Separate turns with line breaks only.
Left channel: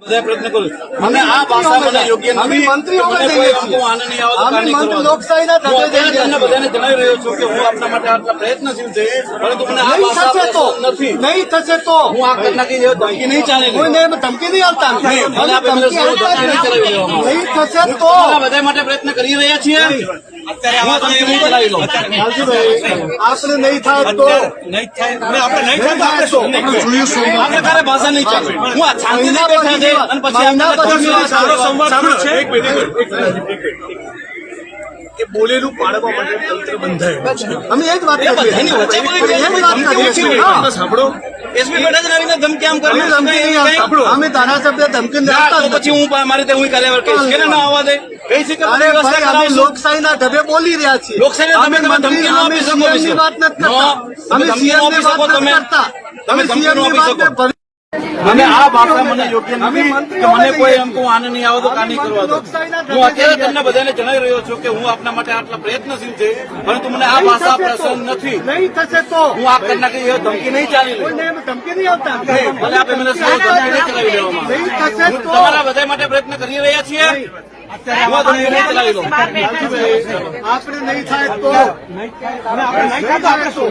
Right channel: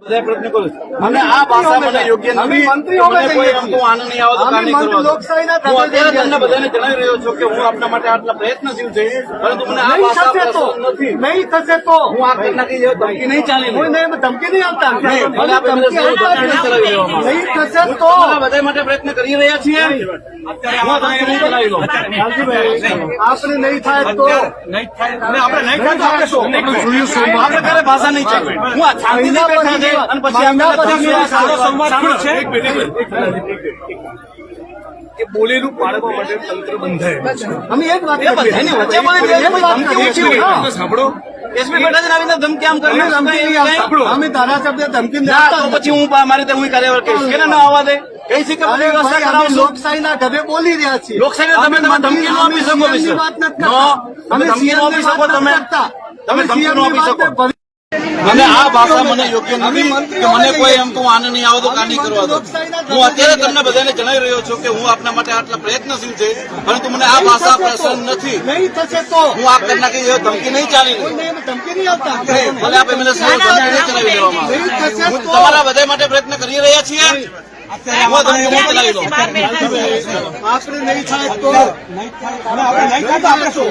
બધા પ્રયત્ન કરું મને આ ભાષા મને યોગ્ય નથી. નહીં નહીં
મંત્રી
કરવા દો.
લોકશાહીના
હું. બધાને જણાવી રહ્યો છું કે હું આપના માટે આટલા પ્રયત્નશીલ છે પરંતુ મને આ ભાષા
તો.
નથી.
નહીં થશે તો.
હું આ ઘટનાથી ધમકી નહીં ચાલે
કોઈ નહીં
નહીં,
ધમકી
નહીં ચલાવી
નહીં થશે તો.
બધા માટે પ્રયત્ન કરી રહ્યા છીએ.
આપણે નહીં. થાય તો.
નહીં થાય. આપણે નહીં થાય તો આપણે શું?
ભાષા નહીં ચાલે? હું શાંતિથી બેઠા છે અને પછી
કે બોલેલું પાડવા માટે તંત્ર બંધાય
અમે એ જ વાત કરીએ. હા.
સાંભળો.
એસપી બેઠા આવીને ધમકી આમ કરીને
ધમકી અમે ધારાસભ્ય ધમકી
ના, તો પછી હું મારે હું કાર્યવાહી કે ના આવવા દે?
લોકશાહીના ઢબે બોલી રહ્યા છીએ.
લોકશાહીના તમે ધમકી ન. આપી શકો તમે
અમે
ધમકી ન આપી શકો તમે. ધમકી ન આપી શકો. આ ભાષા મને યોગ્ય નથી કે મને કોઈ એમ કહું આને નહીં આવો તો કાની કરવા દો. હું અત્યારે તમને બધાને જણાવી રહ્યો છું કે હું આપના માટે આટલા પ્રયત્નશીલ છે પરંતુ મને આ ભાષા પસંદ નથી.
નહીં થશે તો.
હું આ કરના કે એવો ધમકી નહીં ચાલી
કોઈને ધમકી નહીં
ભલે આપણે મને સૌ ધમકી નહીં ચલાવી
થશે
હું તમારા બધા માટે પ્રયત્ન કરી રહ્યા છીએ.
આપણે નહીં થાય તો.
આપણે નહીં થાય તો આપણે શું?